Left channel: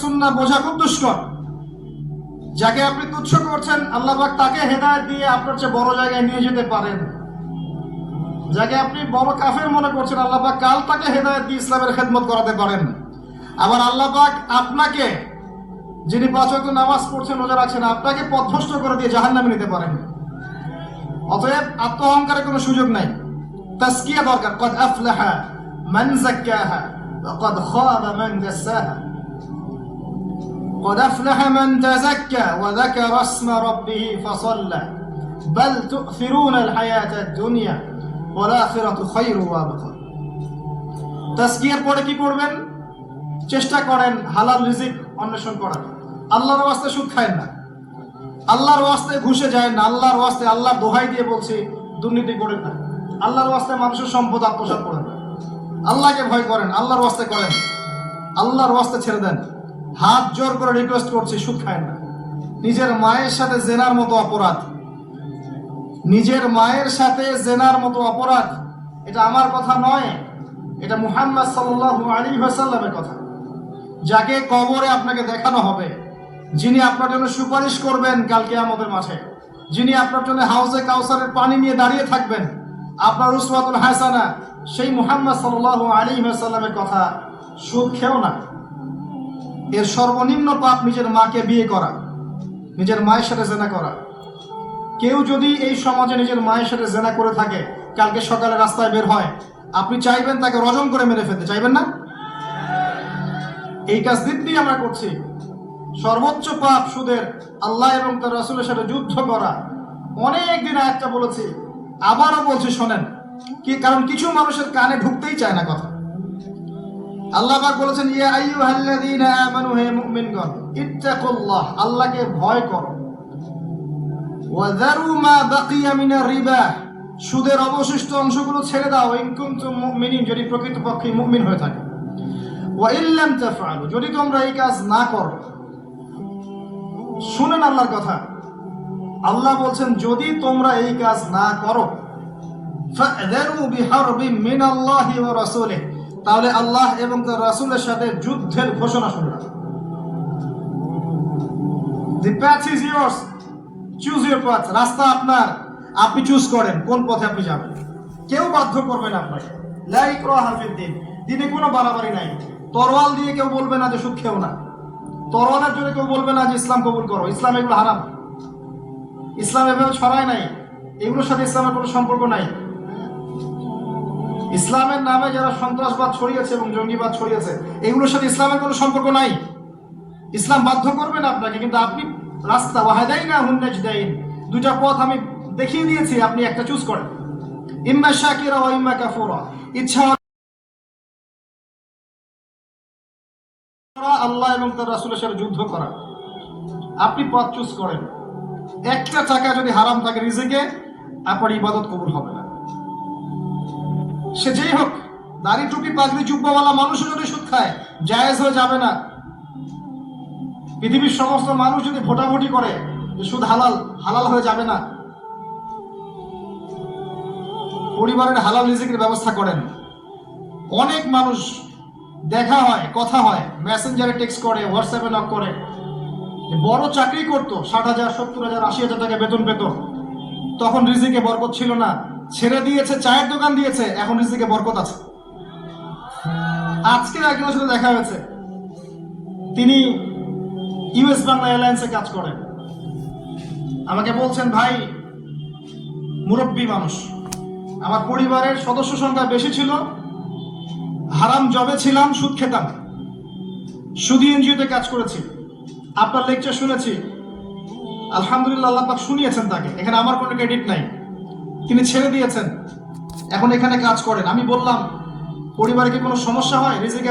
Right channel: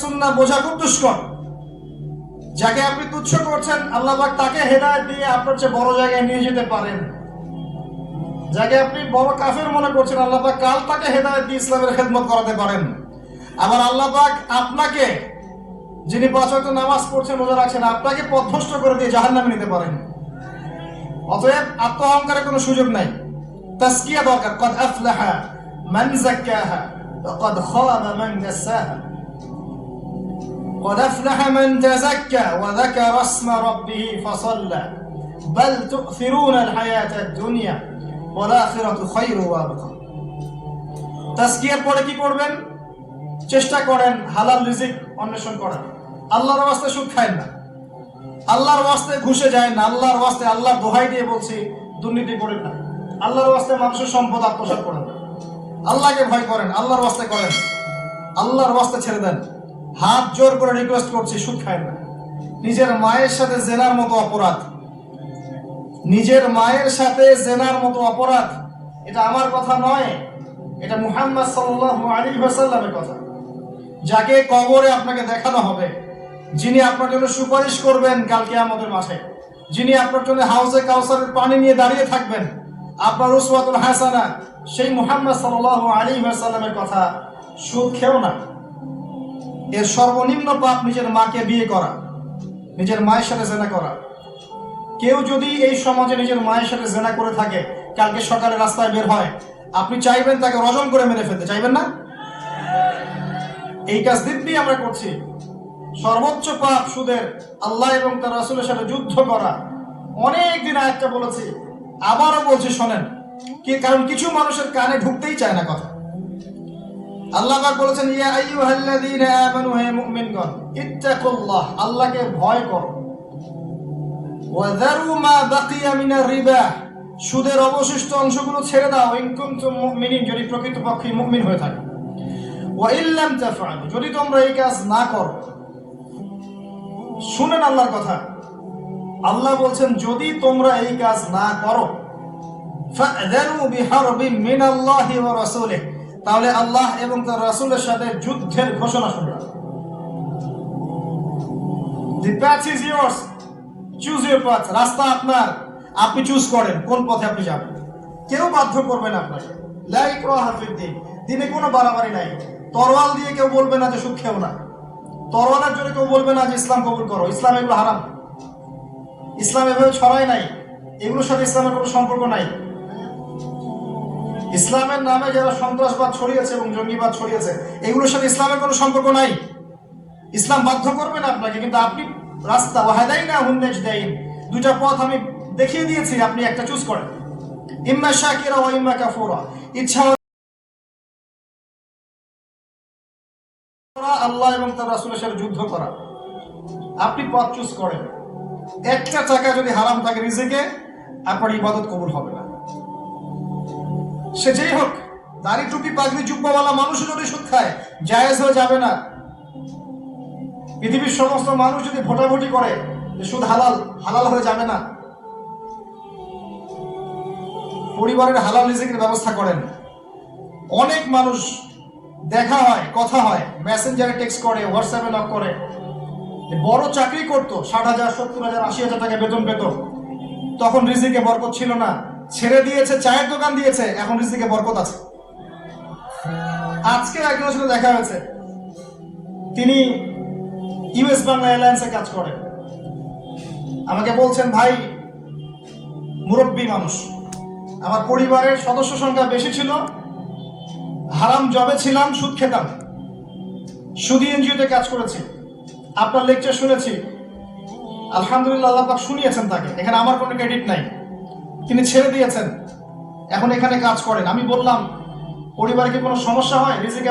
সুন্নাহ বোঝা খুব দুষ্কর। যাকে আপনি তুচ্ছ করছেন আল্লাহ পাক তাকে হেদায়েত দিয়ে আপনার চেয়ে বড় জায়গায় নিয়ে যেতে পারেন। যাকে আপনি বড় কাফের মনে করছেন আল্লাহ পাক কাল তাকে হেদায়েত দিয়ে ইসলামের খেদমত করাতে পারেন। আবার আল্লাহ পাক আপনাকে, যিনি 5 ওয়াক্ত নামাজ পড়ছেন রোজা রাখছেন, আপনাকে পথভ্রষ্ট করে দিয়ে জাহান্নামে নিতে পারেন। অতএব আত্মঅহংকারের কোনো সুযোগ নাই। তাসকিয়া দরকার। কদ আফলাহা মান যাক্কাহা ওয়া কদ খাবা মান দাসাহা। قد أفلح من تزكى وذكر اسم ربه فصلى بل تؤثرون الحياة الدنيا والآخرة خير وأبقى। তাসকিয়ার পরে কি করবেন? চেষ্টা করেন হালাল রিজিক অন্বেষণ করার। আল্লাহর ওয়াস্তে সুদ খায় না, আল্লাহর ওয়াস্তে ঘুষে যায় না, আল্লাহর ওয়াস্তে আল্লাহর দোহাই দিয়ে বলছি দুর্নীতি করেন না, আল্লাহর ওয়াস্তে মানুষের সম্পদ আত্মসাৎ করেন না, আল্লাহকে ভয় করেন, আল্লাহর ওয়াস্তে করেন, আল্লাহর ওয়াস্তে ছেড়ে দেন। হাত জোর করে রিকোয়েস্ট করছি, সুদ খায় না। নিজের মায়ের সাথে জেনার মতো অপরাধ, নিজের মায়ের সাথে জেনার মতো অপরাধ। এটা আমার কথা নয়, এটা মুহাম্মদ সাল্লাল্লাহু আলাইহি ওয়াসাল্লামের কথা। যাকে কবরে আপনাকে দেখানো হবে, যিনি আপনার জন্য সুপারিশ করবেন কাল কিয়ামতের মাঠে, যিনি আপনার জন্য হাউজে কাউসারের পানি নিয়ে দাঁড়িয়ে থাকবেন, আপনার উসওয়াতুল হাসানা, সেই মুহাম্মদ সাল্লাল্লাহু আলাইহি ওয়াসাল্লামের কথা। সুদ খেও না। এর সর্বনিম্ন পাপ নিজের মাকে বিয়ে করা, নিজের মায়ের সাথে জেনা করা। কেউ যদি এই সমাজে নিজের মায়ের সাথে জেনা করে থাকে, কালকে সকালে রাস্তায় বের হয়, আপনি চাইবেন তাকে রজম করে মেরে ফেলতে, চাইবেন না? এই কাজ দিব্যি আমরা করছি। সর্বোচ্চ পাপ সুদের, আল্লাহ এবং তার রাসূলের সাথে যুদ্ধ করা। অনেক দিন আয়াতটা বলেছি, আবারও বলছি শোনেন। কারণ কিছু মানুষের কানে ঢুকতেই চায় না কথা। আল্লাহ পাক বলেছেন, ইয়া আইয়ুহাল্লাযীনা আমানু, হে মুমিনগণ, ইত্তাকুল্লাহ, আল্লাহকে ভয় করো। ওয়া যারু মা বাকিয়া মিনার রিবা, সুদের অবশিষ্ট অংশগুলো ছেড়ে দাও। ইন কুনতুম মুমিনিন, যদি প্রকৃতপক্ষে মুমিন হয়ে থাকো। ওয়া ইল্লাম তাফআলু, যদি তোমরা এই কাজ না করো। শুনেন আল্লাহর কথা। আল্লাহ বলছেন যদি তোমরা এই কাজ না করো, ফা'যারু বিহারবিন মিনাল্লাহি ওয়া রাসূলিহি, তাহলে আল্লাহ এবং তার রাসূলের সাথে যুদ্ধের ঘোষণা শুনবে। The path is yours, choose your path. রাস্তা আপনার, আপনি চুজ করেন কোন পথে আপনি যাবেন। কেউ বাধ্য করবে না আপনাকে। লা ইকরাহা ফিদ-দীন, দিনে কোনো বাড়াবাড়ি নাই। তরোয়াল দিয়ে কেউ বলবে না যে সুদ খেও না, তরোয়ালের জন্য কেউ বলবে না যে ইসলাম কবুল করো। ইসলাম এগুলো হারাম, ইসলাম এভাবে ছড়ায় নাই, এগুলোর সাথে ইসলামের কোনো সম্পর্ক নাই। ইসলামের নামে যারা সন্ত্রাসবাদ ছড়িয়েছে এবং জঙ্গিবাদ ছড়িয়েছে, এগুলোর সাথে ইসলামের কোনো সম্পর্ক নাই। ইসলাম বাধ্য করবে না আপনাকে, কিন্তু আপনি রাস্তা ওয়াহাদাইনাহুন নাজদাইন, দুইটা পথ আমি দেখিয়ে দিয়েছি, আপনি একটা চুজ করেন। ইম্মা শাকিরা ওয়া ইম্মা কাফুরা, ইচ্ছা আল্লাহ এবং তার রাসূলের সাথে যুদ্ধ করা, আপনি পথ চুজ করেন। একটা টাকা যদি হারাম থাকে রিজিকে, আপনার ইবাদত কবুল হবে না। সে যেই হোক, দাড়ি টুপি পাগড়ি জুব্বাওয়ালা মানুষও যদি সুদ খায়, জায়েজ হয়ে যাবে না। পৃথিবীর সমস্ত মানুষ যদি ভোটাভুটি করে যে সুদ হালাল, হালাল হয়ে যাবে না। পরিবারের হালাল রিজিকের ব্যবস্থা করেন। অনেক মানুষ দেখা হয়, কথা হয়, মেসেঞ্জারে টেক্সট করে, হোয়াটসঅ্যাপে নক করে, বড় চাকরি করতো, 60,000, 70,000, 80,000 টাকা বেতন পেত, তখন রিজিকে বরকত ছিল না, ছেড়ে দিয়েছে, চায়ের দোকান দিয়েছে, এখন রিজিকে বরকত আছে। আজকে একজনের সাথে দেখা হয়েছে, তিনি ইউএস বাংলা এয়ারলাইন্সে কাজ করেন। আমাকে বলছেন, ভাই, মুরব্বী মানুষ, আমার পরিবারের সদস্য সংখ্যা বেশি ছিল, হারাম জবে ছিলাম, সুদ খেতাম, সুদী এনজিওতে কাজ করেছি, আপনার লেকচার শুনেছি, আলহামদুলিল্লাহ, আল্লাহ পাক শুনিয়েছেন তাকে, এখানে আমার কোনো ক্রেডিট নাই, তিনি ছেড়ে দিয়েছেন, এখন এখানে কাজ করেন। আমি বললাম, পরিবারে কি কোনো সমস্যা হয়? রিজিকে